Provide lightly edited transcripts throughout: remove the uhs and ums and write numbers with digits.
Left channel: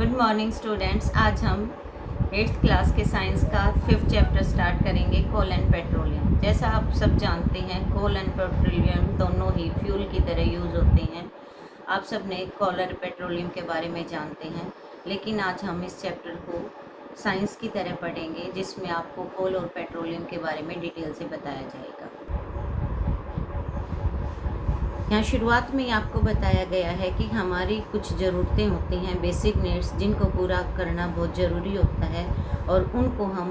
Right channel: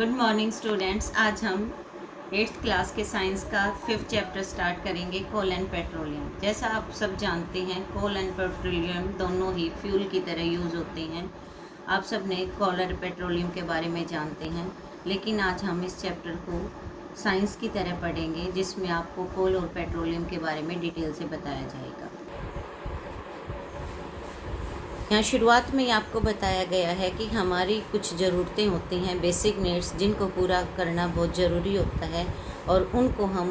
Good morning students. आज हम 8th class के साइंस का 5th चैप्टर स्टार्ट करेंगे, कोल एंड पेट्रोलियम। जैसा आप सब जानते हैं, कोल एंड पेट्रोलियम दोनों ही फ्यूल की तरह यूज़ होते हैं। आप सब ने कोल और पेट्रोलियम के बारे में जानते हैं, लेकिन आज हम इस चैप्टर को साइंस की तरह पढ़ेंगे, जिसमें आपको कोल और पेट्रोलियम के बारे में डिटेल से बताया जाएगा। यहाँ शुरुआत में आपको बताया गया है कि हमारी कुछ ज़रूरतें होती हैं, बेसिक नीड्स, जिनको पूरा करना बहुत ज़रूरी होता है, और उनको हम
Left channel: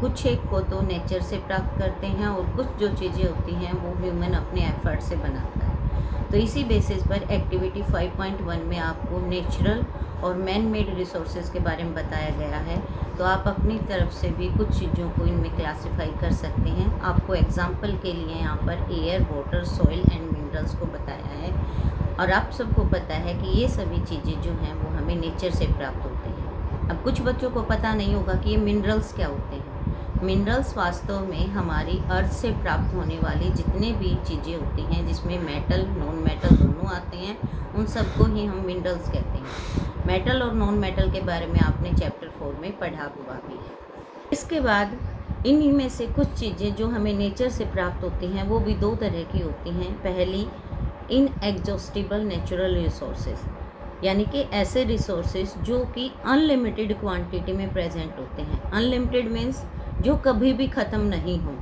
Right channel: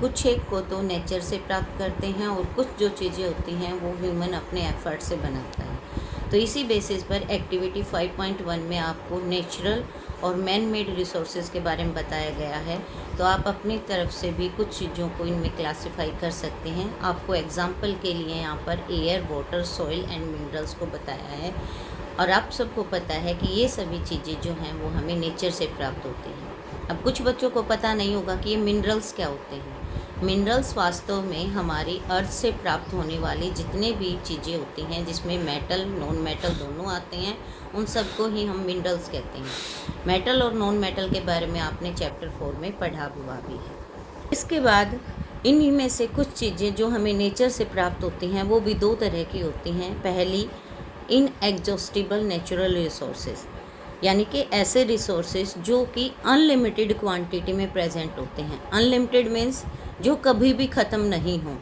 कुछ एक को तो नेचर से प्राप्त करते हैं और कुछ जो चीज़ें होती हैं वो ह्यूमन अपने एफर्ट से बनाता है। तो इसी बेसिस पर एक्टिविटी 5.1 में आपको नेचुरल और मैन मेड रिसोर्सेज के बारे में बताया गया है। तो आप अपनी तरफ से भी कुछ चीज़ों को इनमें क्लासिफाई कर सकते हैं। आपको एग्जांपल के लिए यहाँ पर air, water, soil and minerals को बताया है, और आप सबको पता है कि ये सभी चीज़ें जो हैं वो हमें नेचर से प्राप्त होती हैं। अब कुछ बच्चों को पता नहीं होगा कि ये मिनरल्स क्या होते हैं। मिनरल्स वास्तव में हमारी अर्थ से प्राप्त होने वाली जितने भी चीज़ें होती हैं, जिसमें मेटल, नॉन मेटल दोनों आते हैं, उन सबको ही हम मिनरल्स कहते हैं। मेटल और नॉन मेटल के बारे में आपने चैप्टर 4 में पढ़ा हुआ भी है। इसके बाद इन्हीं में से कुछ चीज़ें जो हमें नेचर से प्राप्त होती हैं वो भी दो तरह की होती हैं। पहली, इनएग्जॉस्टिबल नेचुरल रिसोर्सेज, यानी कि ऐसे रिसोर्सेज जो कि अनलिमिटेड क्वांटिटी में प्रेजेंट होते हैं। अनलिमिटेड मीन्स जो कभी भी ख़त्म नहीं हो।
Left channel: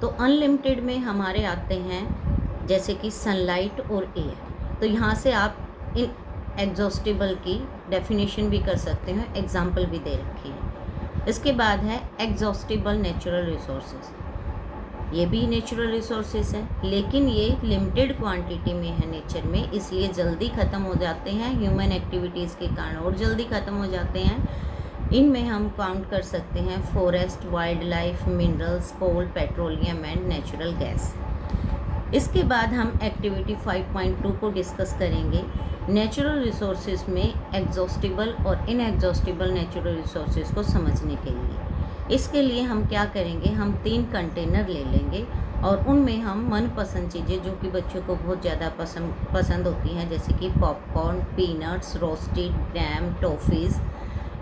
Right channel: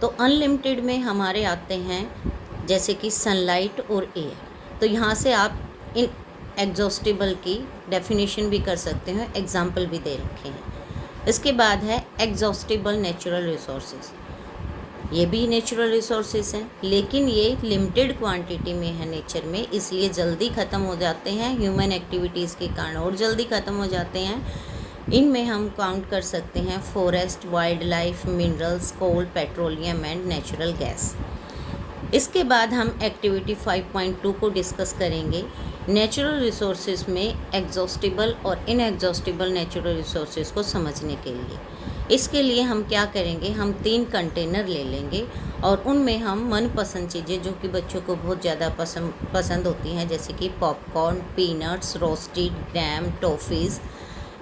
तो अनलिमिटेड में हमारे आते हैं जैसे कि सनलाइट और एयर। तो यहाँ से आप इन एग्जॉस्टिबल की डेफिनेशन भी कर सकते हैं, एग्जाम्पल भी दे रखे हैं। इसके बाद है एग्जॉस्टिबल नेचुरल रिसोर्सेज। ये भी नेचुरल रिसोर्सेज हैं, लेकिन ये लिमिटेड क्वांटिटी में है नेचर में, इसलिए जल्दी ख़त्म हो जाते हैं ह्यूमन एक्टिविटीज़ के कारण, और जल्दी ख़त्म हो जाते हैं। इनमें हम काउंट कर सकते हैं forest, wildlife, minerals, coal, petroleum and natural gas. इसके बाद हम एक्टिविटी 5.2 को डिस्कस करेंगे, नेचुरल रिसोर्सेज में एग्जॉस्टिबल और इनएग्जॉस्टिबल नेचुरल रिसोर्सेज को समझने के लिए। इसके लिए हम क्या करेंगे, हम 3 कंटेनर ले लेंगे और उनमें हम मनपसंद चीज़ें जो कि बच्चों को बहुत ज़्यादा पसंद होती हैं, जैसे कि पॉपकॉर्न, पीनट्स, रोस्टेड ग्राम, टॉफ़ीज़,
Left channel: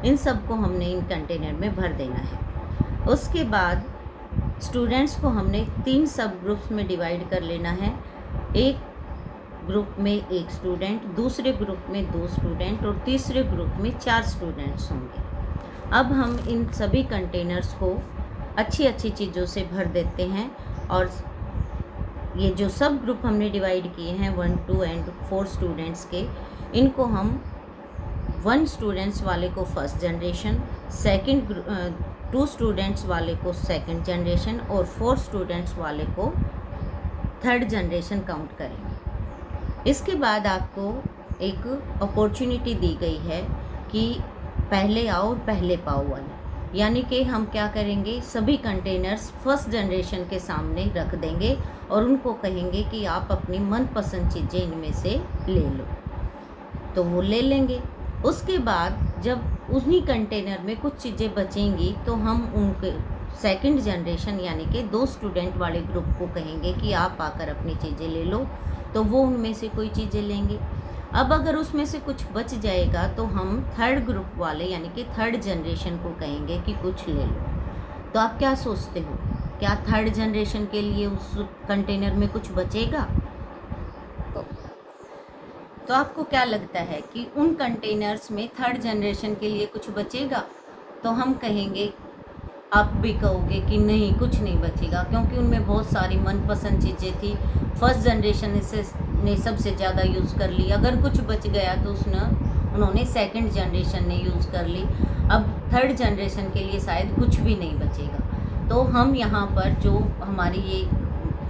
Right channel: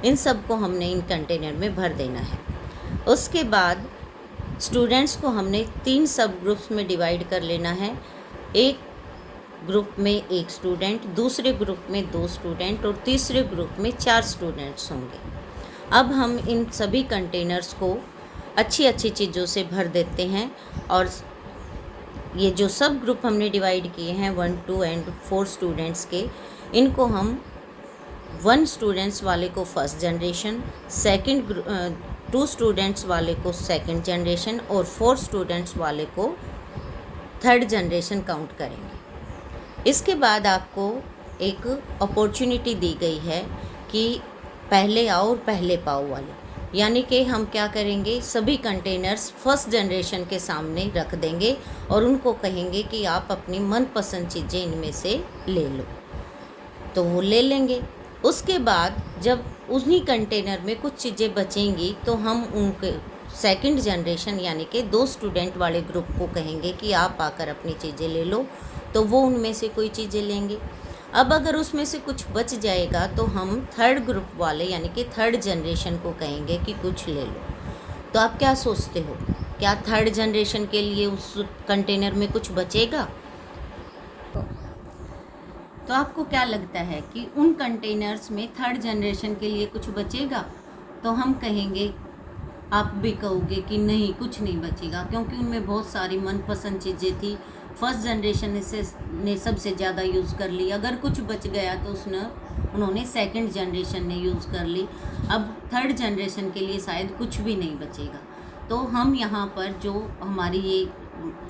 इन सब को हमने इन कंटेनर में भर देना है। उसके बाद स्टूडेंट्स को हमने 3 सब ग्रुप्स में डिवाइड कर लेना है। एक ग्रुप में 1 स्टूडेंट, दूसरे ग्रुप में 2 स्टूडेंट और तीसरे ग्रुप में 4 स्टूडेंट्स होंगे। अब हम इन सभी कंटेनर्स को अच्छी अच्छी चीज़ों से भर देते हैं, और ये जो सब ग्रुप हमने डिवाइड किए हैं 1, 2 एंड 4 स्टूडेंट्स के, इनको हम 1 स्टूडेंट्स वाले को फर्स्ट जनरेशन, 2 स्टूडेंट्स वाले को सेकंड जनरेशन और 4 स्टूडेंट्स वाले को थर्ड जनरेशन काउंट करेंगे। इसके बाद आपको एक अपॉर्चुनिटी दी गई है कि पहले आओ और पहले पाओ वाली, यानी कि हम क्या करेंगे, सभी कंटेनर्स फर्स्ट जनरेशन के सामने रख देंगे और उनको कहेंगे कि आप अपनी मनपसंद चीज़ें इनमें से ले लो, तो वो ले लेंगे। उसके बाद जब उन्हीं कंटेनर में कुछ चीज़ें बचेंगी तो हम उनके सेकंड जनरेशन यानी कि 2 स्टूडेंट वाले ग्रुप को कहेंगे कि आप आकर अपनी चीज़ें ले लो, तो वो उनमें से कोई चीज़ें लेंगे। अब अगर उसमें से कुछ बच जाएगा तो हम थर्ड ग्रुप वाले यानी कि थर्ड जनरेशन को कहेंगे कि कुछ ले लो। तो आप क्या सोचते हो, क्या थर्ड जनरेशन के लिए उस कंटेनर में कुछ बचेगा? तो आपको क्या लगता है कि उन कंटेनर्स में थर्ड जनरेशन के लिए कुछ बचेगा? तो हम कहेंगे, आप भी कहोगे कि नहीं, कुछ नहीं बचेगा, क्योंकि उनमें बहुत सारी मनपसंद चीज़ें थी। फर्स्ट जनरेशन ने सबसे ज़्यादा यूज़ कर ली, अगर कुछ बच गया तो उन्होंने सेकंड जनरेशन ने यूज़ कर ली। अब थर्ड जनरेशन के लिए शायद कुछ भी नहीं बचेगा। तो हम यहाँ पर जो हमारी ये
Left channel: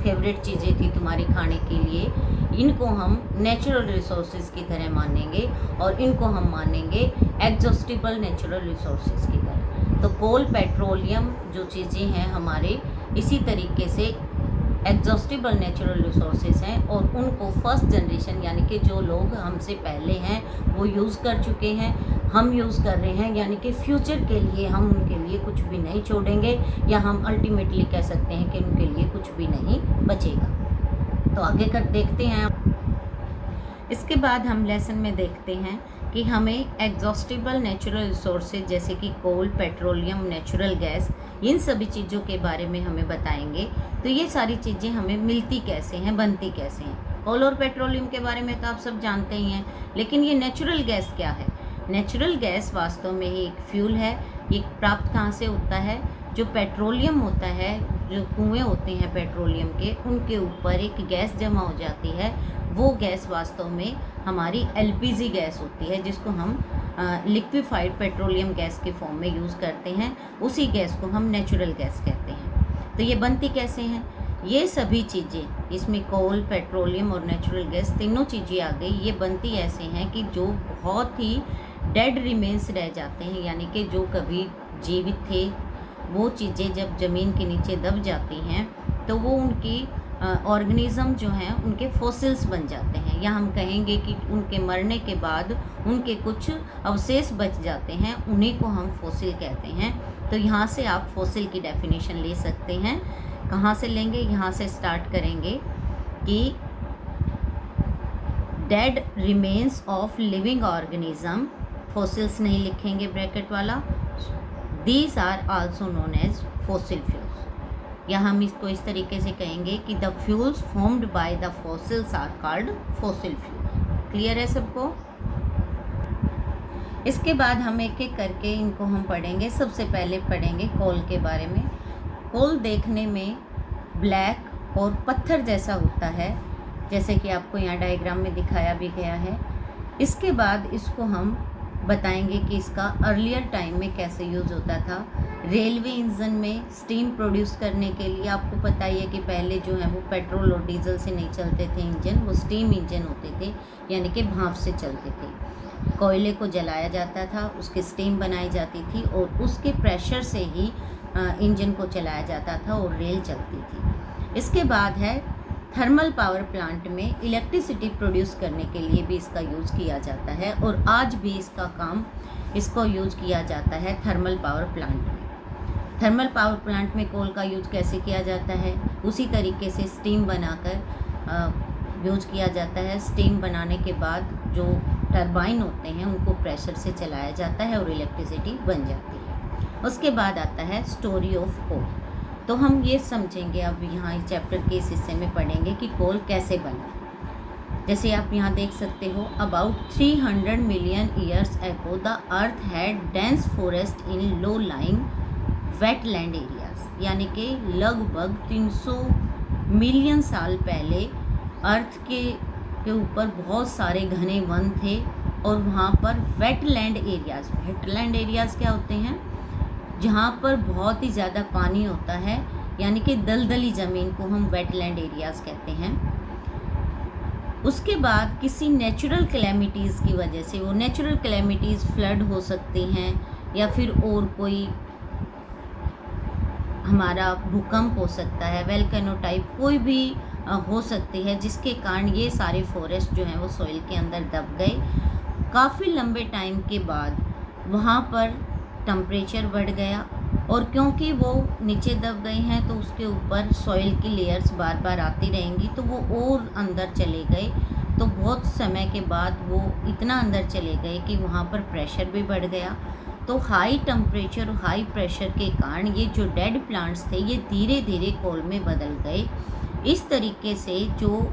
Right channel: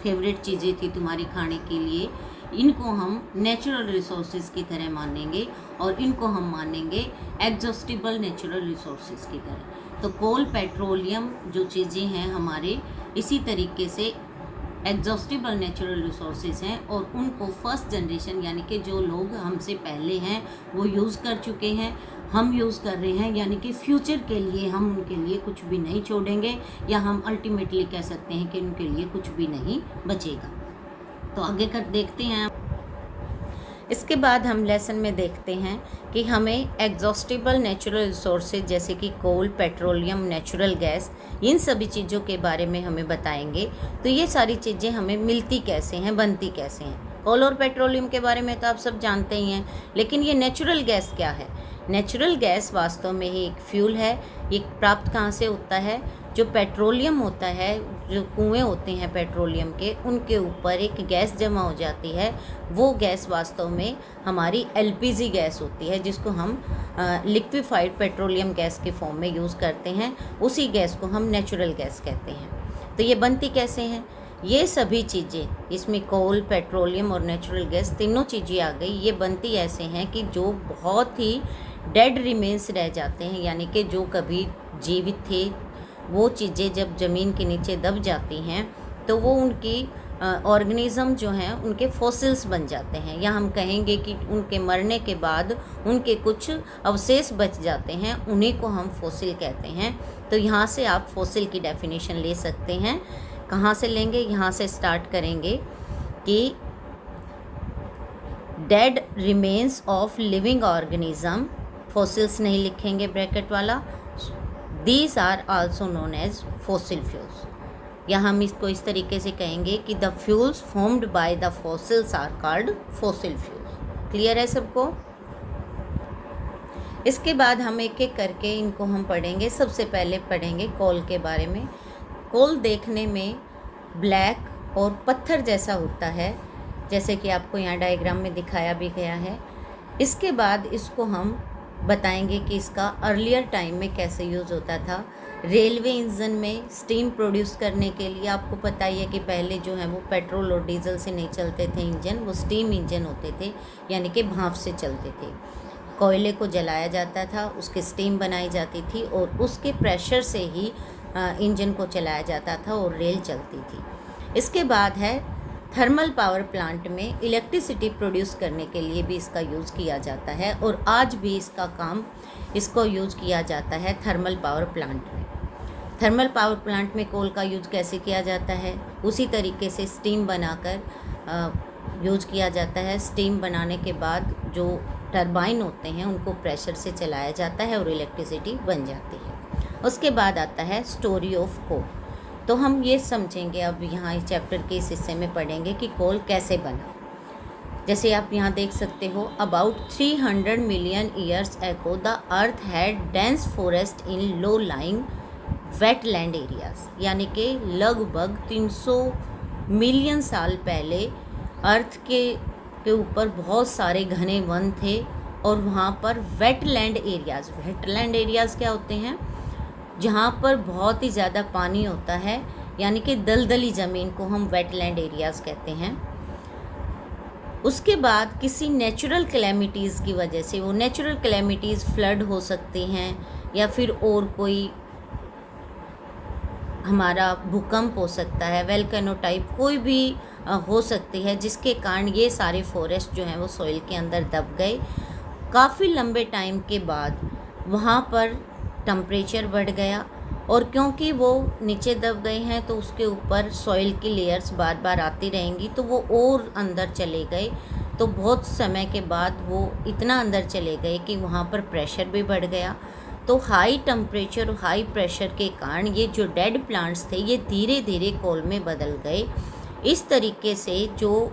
फेवरेट चीज़ें थी तुम्हारी खाने के लिए, इनको हम नेचुरल रिसोर्सेज की तरह मानेंगे और इनको हम मानेंगे एग्जॉस्टिबल नेचुरल रिसोर्सेज की तरह। तो कोल, पेट्रोलियम जो चीज़ें हैं हमारे, इसी तरीके से एग्जॉस्टिबल नेचुरल रिसोर्सेज हैं, और उनको फर्स्ट जनरेशन यानी कि जो लोग हमसे पहले हैं वो यूज़ कर चुके हैं, हम यूज़ कर रहे हैं, यानी कि फ्यूचर के लिए हम उनके लिए कुछ भी नहीं छोड़ेंगे, या हम अल्टीमेटली कह सकते हैं कि उनके लिए कुछ भी नहीं बचेगा। तो आगे कर देखते हैं। इसके बाद हम लेसन में देखते हैं कि हमें एग्जॉस्टिबल नेचुरल रिसोर्सेज जैसे कि कोल, पेट्रोलियम, नेचुरल गैस, इन सभी चीज़ों के बारे में हमें बताएंगे। तो ये सारी चीज़ें हमें मिलती कैसे हैं, बनती कैसे हैं। कोल और पेट्रोलियम के बारे में तो आप सब जानते ही हैं, लेकिन ये नेचुरल गैस क्या है? नेचुरल गैस वास्तव में ही एक फ्यूल है। ये प्राप्त कहाँ से होता है? जो पेट्रोलियम होता है, जो कुएँ होते हैं पेट्रोलियम के, उनके ऊपर एक गैस जमा हो जाती है। वो गैस वास्तव में हमारी एलपीजी गैस होती है, जिसको हम लिक्विफाइड पेट्रोलियम गैस के फॉर्म में यूज़ करते हैं। उसी गैस को हम नेचुरल गैस कहते हैं। तो ये बनती कैसे हैं? ये सभी चीज़ें, इसमें कोल, पेट्रोलियम और नेचुरल गैस तीनों चीज़ें आ गई। ये बनती ऐसे हैं कि जो बहुत ही डेड रिमेन्स रह जाते हैं, यानी कि जो कभी जीवित थे, वो चीज़ें जब ज़मीन के नीचे दब जाती हैं तो वो उनकी ऑर्गेनिज़म जो हैं उनके फॉसिल्स बन जाते हैं, या हम कहेंगे कि उनके मरने के बाद उनके कुछ अवशेष बच जाते हैं, उन्हीं को हम फॉसिल कहते हैं। तो यहाँ से आप फॉसिल की डेफिनेशन ले सकते हैं। कहाँ से लेंगे? यहाँ से स्टार्ट करेंगे कि dead remains of living organism, fossils नहीं लिखेंगे ब्रैकेट वाला, these are also known as fossil fuels. या हम इसको इस तरीके से कहेंगे कि the fuels formed by the fossils are called fossil fuels. Clear है सबको? इसके बाद हम एक एक करके इनको हम पढ़ेंगे। सबसे पहले पढ़ेंगे कोल के बारे में। कोल देखने में ब्लैक और पत्थर जैसा होता है, जैसे कि आपको यहाँ डायग्राम में दिखाया भी गया है। इसके बाद इसको हम बताएंगे कि इसका अर्लियर टाइम में कैसे यूज़ होता था। रेलवे इंजन में स्टीम प्रोड्यूस करने के लिए आपको पता ही है कि पहले जो है वो पेट्रोल और डीजल से नहीं चलते थे इंजन, वो स्टीम इंजन होते थे, यानी कि भाप से चलते थे। कोयले को जलाया जाता था, उसकी स्टीम बनाई जाती थी और उसके प्रेशर से ही इंजन को चलाया जाता था और रेल चलती थी। इसके बाद है थर्मल पावर प्लांट में इलेक्ट्रिसिटी प्रोड्यूस करने के लिए भी इसका यूज़ किया जाता है, और आज भी इसको यूज़ किया जाता है थर्मल पावर प्लांट में। थर्मल पावर प्लांट में कोल का यूज़ कैसे किया जाता है? उसी तरीके से स्टीम बनाकर यूज़ किया जाता है। स्टीम बनाने के बाद जो टरबाइन होते हैं उनको प्रेशर से चलाया जाता है और इलेक्ट्रिसिटी बन जाती है। उसके बाद आता है स्टोरी ऑफ कोल। तो हम ये समझेंगे अब यहाँ इस चैप्टर के इस हिस्से में पढ़ेंगे कि कोल कैसे बना। जैसे आप यहाँ देख सकते हो, about 300 million years ago the earth had dense forest in low lying wetland areas, यानी कि लगभग 300 मिलियन साल पहले अर्थ के ऊपर बहुत सारे घने वन थे, और वहाँ पर वेटलैंड एरियाज़ क्या होते हैं? जहाँ पर बहुत ही ज़्यादा पानी होता है, यानी कि दलदली ज़मीन को हम वेटलैंड एरियाज़ कहते हैं। उसके बाद किसी नेचुरल कैलेमिटीज़ की वजह से, वो नेचुरल कैलेमिटीज़ फ्लड हो सकती हैं, या फिर और कोई हमारा भूकंप हो सकता है, वेल्केनो टाइप कोई भी हो सकती है, जिसके कारण ये सारे फॉरेस्ट जो हैं वो सॉइल के अंदर दब गए। काफ़ी लंबे टाइम के बाद वहाँ पर टेम्परेचर बढ़ गया, और क्योंकि वो नीचे दब गए हैं तो उसके ऊपर सॉइल की लेयर्स बार बार आती रहेंगी, तो वो और अंदर चले गए। तो बहुत समय के बाद वो इतना अंदर चले गए कि वहाँ पर प्रेशर भी बढ़ गया। तो हाई टेम्परेचर और हाई प्रेशर के कारण ये जो डेड प्लांट्स थे ये धीरे धीरे कोल में बदल गए। इस तरीके से जो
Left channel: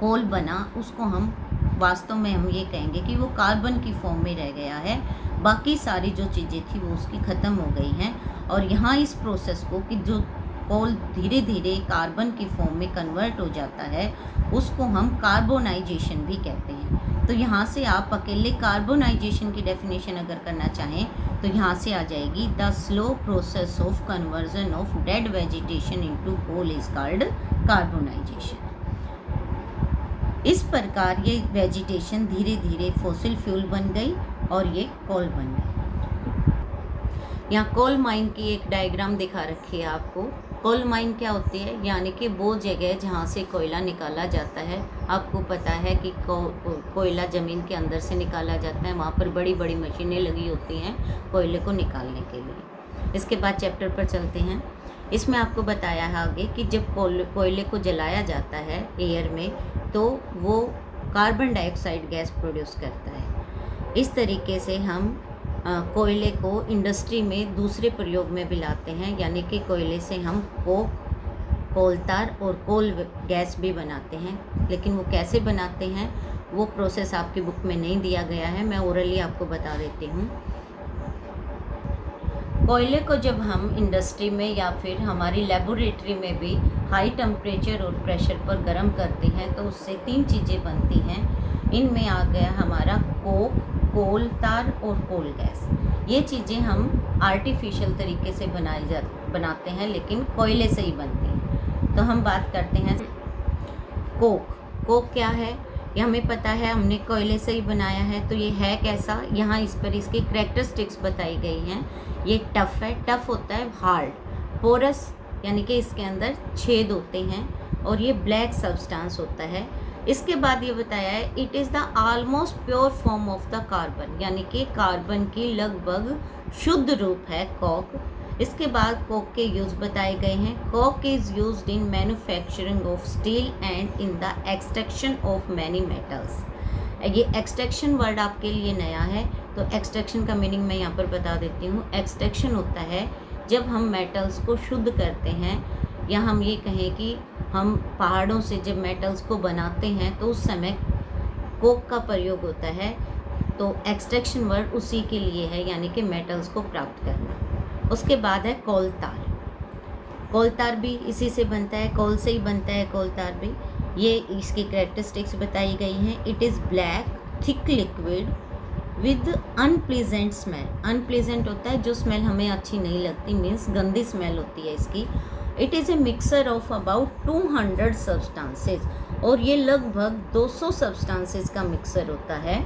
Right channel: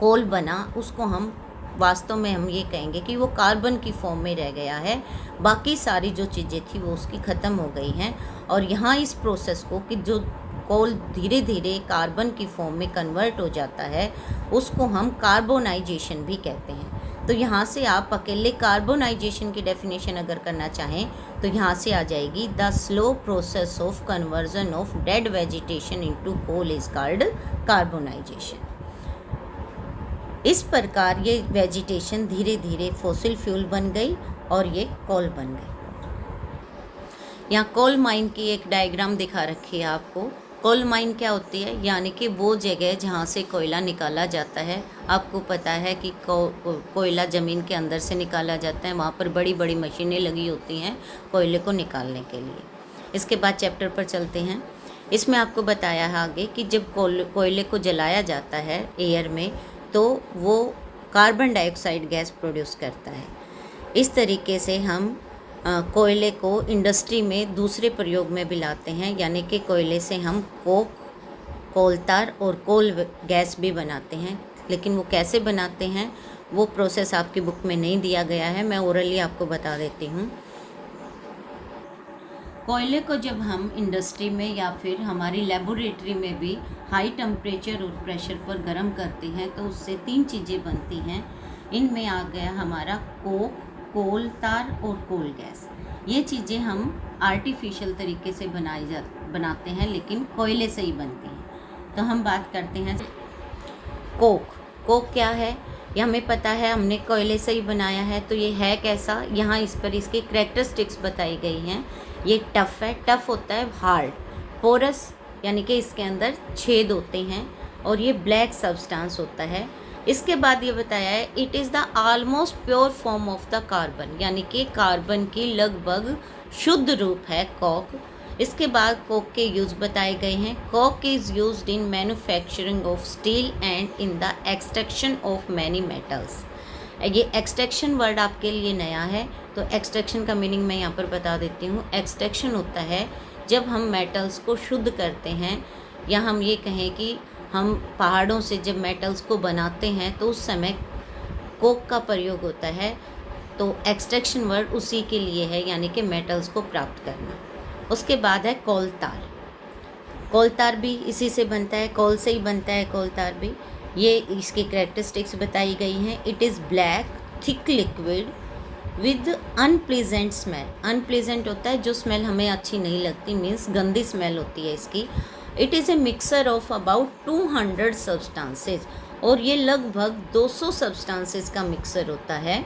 कोल बना उसको हम वास्तव में हम ये कहेंगे कि वो कार्बन की फॉर्म में रह गया है। बाकी सारी जो चीज़ें थी वो उसकी ख़त्म हो गई हैं, और यहाँ इस प्रोसेस को कि जो कोल धीरे धीरे कार्बन की फॉर्म में कन्वर्ट हो जाता है उसको हम कार्बोनाइजेशन भी कहते हैं। तो यहाँ से आप अकेले कार्बोनाइजेशन की डेफिनेशन अगर करना चाहें तो यहाँ से आ जाएगी, the slow process of conversion of dead vegetation into coal is called carbonisation. इस प्रकार ये वेजिटेशन धीरे धीरे फॉसिल फ्यूल बन गई और ये कोल बन गई। यहाँ कोल माइन की एक डायग्राम दिखा रखी है आपको। कोल माइन क्या होती है? यानी कि वो जगह जहाँ से कोयला निकाला जाता है। आपको पता है कि कोयला ज़मीन के अंदर से निकाला जाता है, वहाँ पर बड़ी बड़ी मशीनें लगी होती हैं कोयले को निकालने के लिए। इसके बाद चैप्टर पर चलते हैं। इसमें आपको बताया है आगे कि जब कोयले को जलाया जाता है एयर में तो वो कार्बन डाइऑक्साइड गैस प्रोड्यूस करता है। इस तरीके से हम कोयले को इंडस्ट्री में दूसरे प्रयोग में भी लाते हैं, यानी कि कोयले से हम कोक, कोल तार और कोल गैस भी बनाते हैं। लेकिन वो कैसे बनाते हैं वो प्रोसेस आपकी बुक में नहीं दिया गया है, मैं ओरली आपको बता देती हूँ। कोयले को जब हम इंडस्ट्री में या फिर हमारी लेबोरेटरी में भी हाई टेम्परेचर और प्रेशर पर गर्म करते हैं तो उससे 3 चीज़ें बनती हैं। इनमें आ गया हमारा कोक, कोल तार और कोल गैस। ये चीज़ें हम आर्टिफिशियल तरीके से बनाते हैं, लेकिन कोयले से ही बनती हैं। तो हम बात करते हैं कोक। कोक क्या है ये हमें पता है, हमने कोयले से ही बनाया है। तो ये है कैसा, यहाँ इस पर इसकी कैरेक्टरिस्टिक्स बताई गई हैं। ये टफ़ है, टफ़ होता है हार्ड, पोरस यानी कि इसके अंदर छेद होते हैं, और ये ब्लैक सब्सटेंस होता है। इसके बाद ये बताया है it is the almost pure form of the carbon, यानी कि कार्बन की लगभग शुद्ध रूप है कोक। इसके बाद कोक के यूज़ बताए गए हैं। Coke is used in manufacturing of steel and in the extraction of many metals. ये एक्सट्रैक्शन वर्ड आपके लिए नया है, तो एक्सट्रैक्शन का मीनिंग मैं यहाँ पर बता देती हूँ। एक्सट्रैक्शन होता है जब हम मेटल्स को शुद्ध करते हैं, या हम ये कहें कि हम पहाड़ों से जब मेटल्स को बनाते हैं तो उस समय कोक का प्रयोग होता है। तो एक्सट्रैक्शन वर्ड उसी के लिए है, यानी कि मेटल्स को प्राप्त करना। उसके बाद है कोल तार। कोल तार भी इसी से बनता है, कोल से ही बनता है कोल तार भी। ये इसकी कैरेक्टरिस्टिक्स बताई गई हैं। It is black thick liquid with unpleasant smell. Unpleasant होता है जो स्मेल हमें अच्छी नहीं लगती, मीन्स गंदी स्मेल होती है इसकी। It is a mixer of about 200 substances, और ये लगभग 200 सब्सटेंसेज का मिक्सर होता है।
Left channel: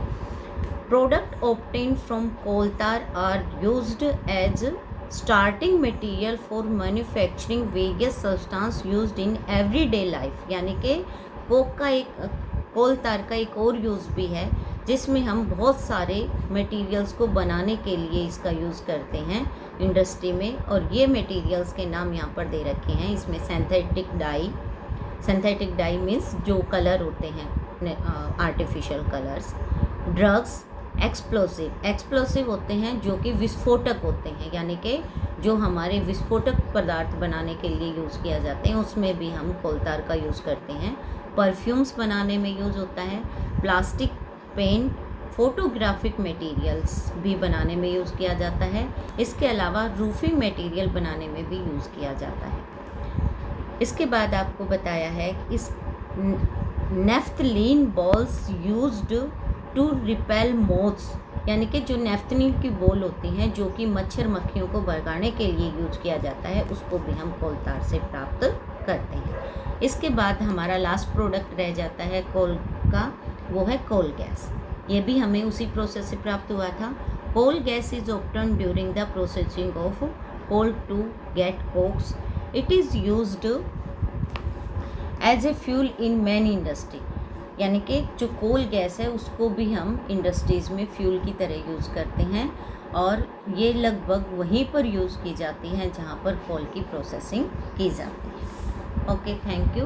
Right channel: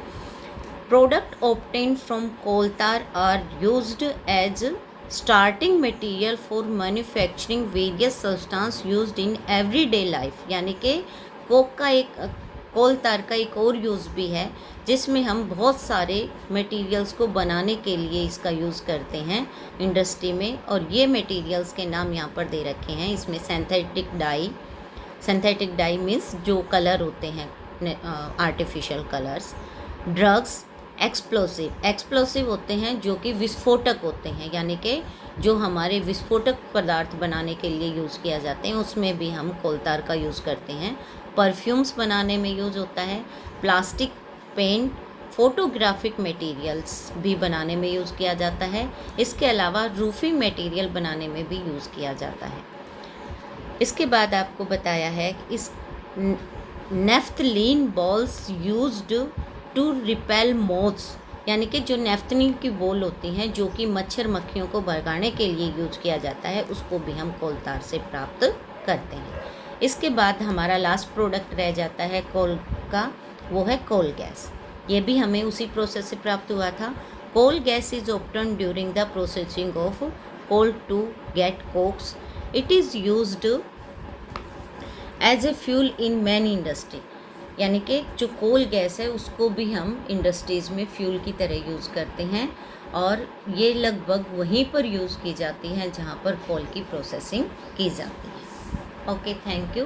Product obtained from coal tar are used as starting material for manufacturing various substance used in everyday life, यानी कि कोल तार का एक और यूज़ भी है जिसमें हम बहुत सारे मटेरियल्स को बनाने के लिए इसका यूज़ करते हैं इंडस्ट्री में। और ये मटेरियल्स के नाम यहाँ पर दे रखे हैं। इसमें सिंथेटिक डाई मीन्स जो कलर होते हैं आर्टिफिशियल कलर्स, ड्रग्स, एक्सप्लोसिव होते हैं जो कि विस्फोटक होते हैं, यानी कि जो हमारे विस्फोटक पदार्थ बनाने के लिए यूज़ किया जाते हैं उसमें भी हम कोल तार का यूज़ करते हैं। परफ्यूम्स बनाने में यूज़ होता है। प्लास्टिक, पेंट, फोटोग्राफिक मटेरियल्स भी बनाने में यूज़ किया जाता है। इसके अलावा रूफिंग मटेरियल बनाने में भी यूज़ किया जाता है। इसके बाद आपको बताया है इस naphthalene balls used to repel moths, यानी कि जो नेफ्थलीन की बॉल होती हैं जो कि मच्छर मक्खियों को भगाने के लिए यूज किया जाता है, उसको भी हम कोल तार से प्राप्त करते हैं। इसके बाद हमारा लास्ट प्रोडक्ट रह जाता है कोल का, वो है कोल गैस। ये भी हमें उसी प्रोसेस से प्राप्त हुआ था। Coal gas is obtained during the processing of coal to get cokes. It is used as a fuel in many industry, यानी कि जो कोल गैस है उसको भी हम इंडस्ट्रीज़ में फ्यूल की तरह यूज़ करते हैं, और ये लगभग वहीं पर यूज़ की जाती हैं जहाँ पर कोल की प्रोसेसिंग की जाती है। Okay, thank you.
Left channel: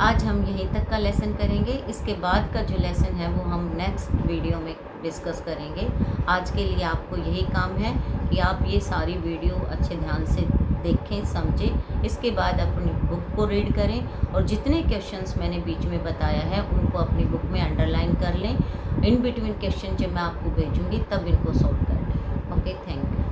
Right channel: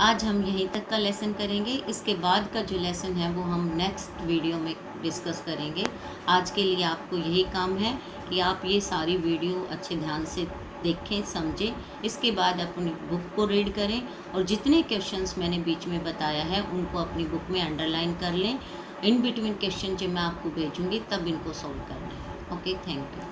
आज हम यहीं तक का लेसन करेंगे। इसके बाद का जो लेसन है वो हम नेक्स्ट वीडियो में डिस्कस करेंगे। आज के लिए आपको यही काम है कि आप ये सारी वीडियो अच्छे ध्यान से देखें, समझें। इसके बाद अपनी बुक को रीड करें, और जितने क्वेश्चंस मैंने बीच में बताया है उनको अपनी बुक में अंडरलाइन कर लें। इन बिटवीन क्वेश्चन जब मैं आपको भेजूँगी तब इनको सॉल्व कर लें। Okay, thank you.